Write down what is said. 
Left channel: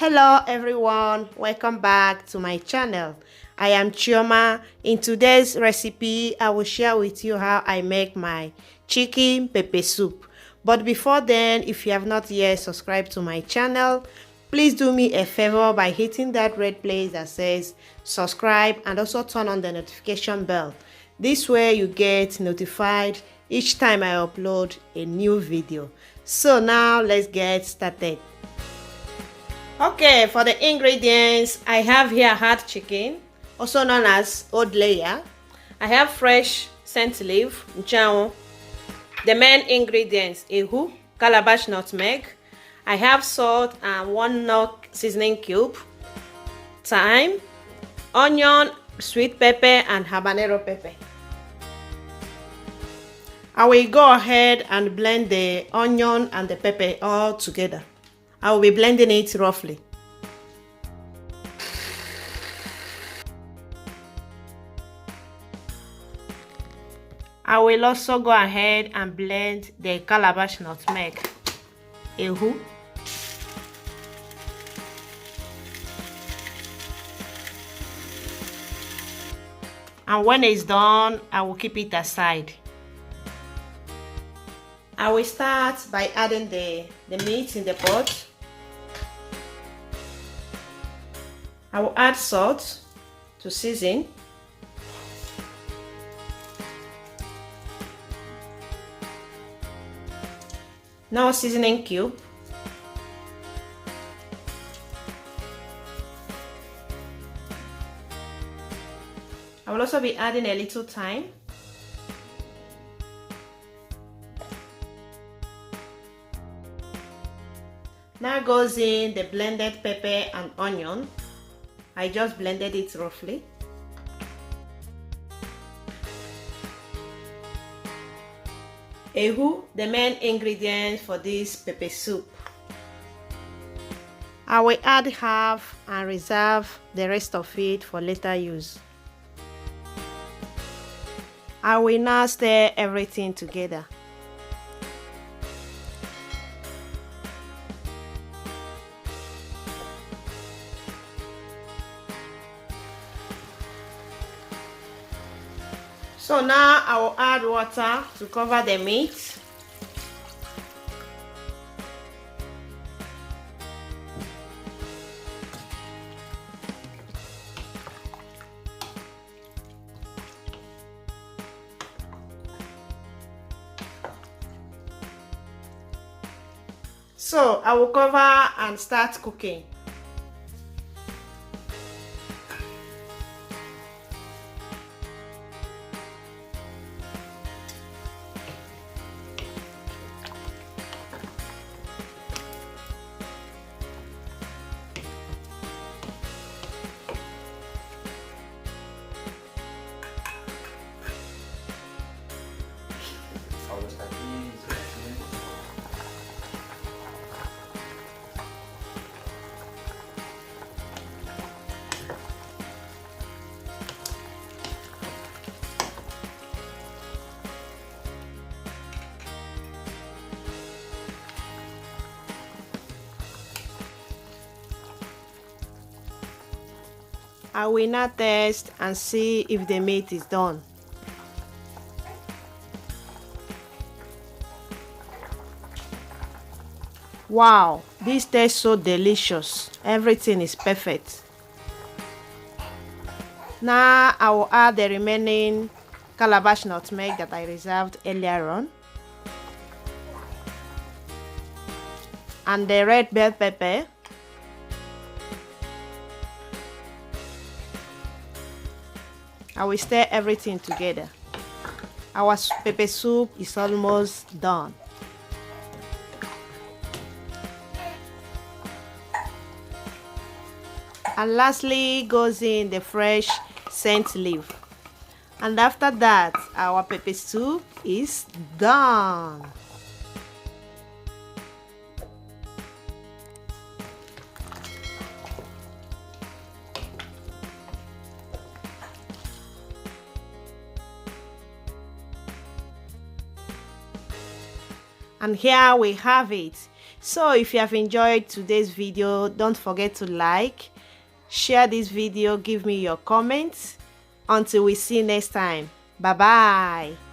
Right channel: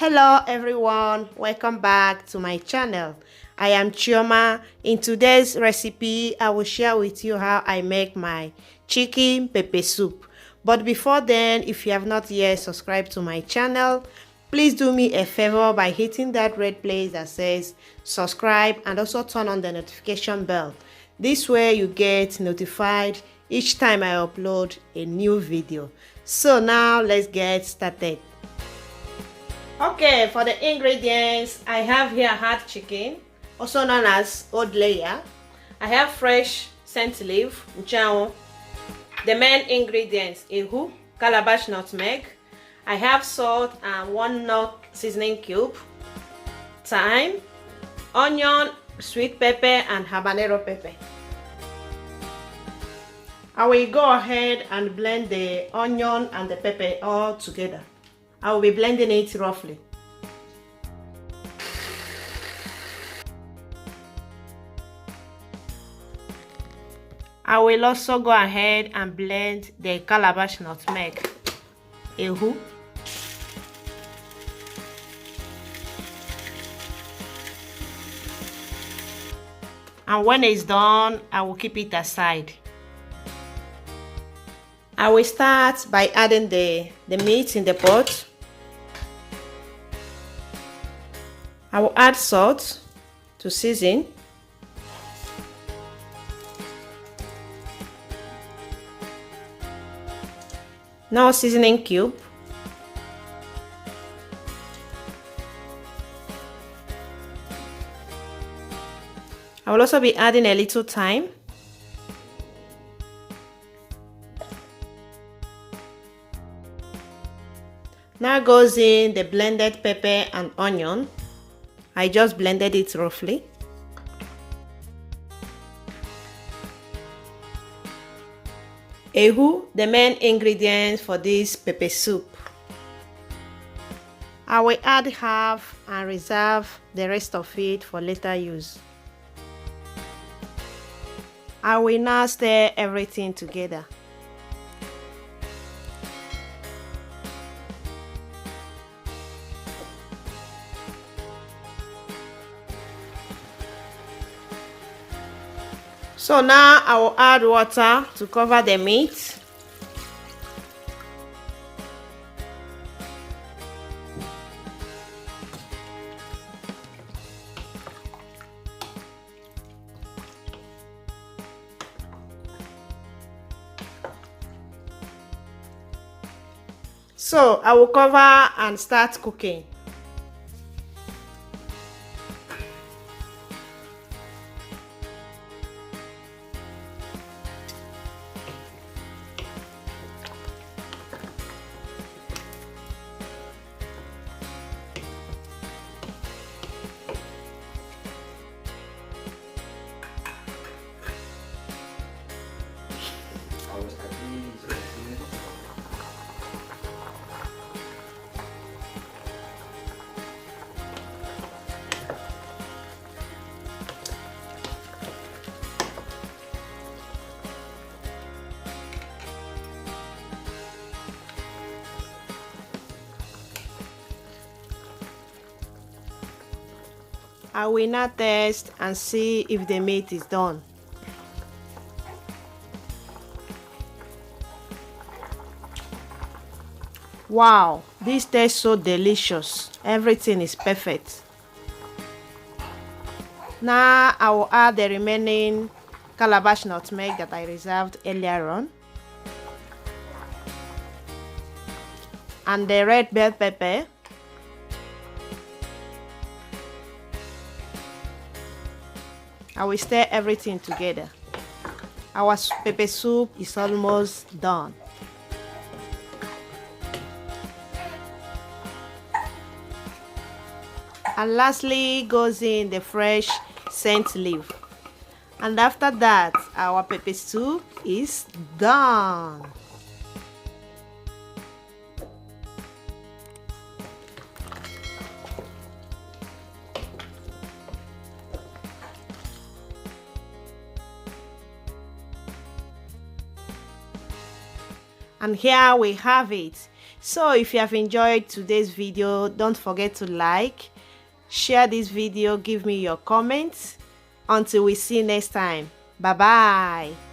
Hello everyone, welcome back to my channel. I am Chioma. In today's recipe, I will share with you how I make my chicken pepper soup. But before then, if you have not yet subscribed to my channel, please do me a favor by hitting that red place that says subscribe and also turn on the notification bell. This way you get notified each time I upload a new video. So now let's get started. Okay, for the ingredients, I have here hard chicken, also known as old layer. I have fresh scent leaf, mchango. The main ingredients, ehu, calabash nutmeg. I have salt and 1 nut seasoning cube, thyme, onion, sweet pepper, and habanero pepper. I will go ahead and blend the onion and the pepper all together. I will be blending it roughly. I will also go ahead and blend the calabash nutmeg. Ehu. And when it's done, I will keep it aside. I will start by adding the meat in the pot. I will add salt to season. Now seasoning cube. I will also be adding a little thyme. Now goes in the blended pepper and onion. I just blended it roughly. Ehu, the main ingredient for this pepper soup. I will add half and reserve the rest of it for later use. I will now stir everything together. So now I will add water to cover the meat. So I will cover and start cooking. I will now test and see if the meat is done. Wow, this tastes so delicious. Everything is perfect. Now I will add the remaining calabash nutmeg that I reserved earlier on, and the red bell pepper. I will stir everything together. Our pepper soup is almost done. And lastly goes in the fresh scent leaf. And after that, our pepper soup is done. And here we have it. So if you have enjoyed today's video, don't forget to like, share this video, give me your comments. Until we see next time. Bye bye.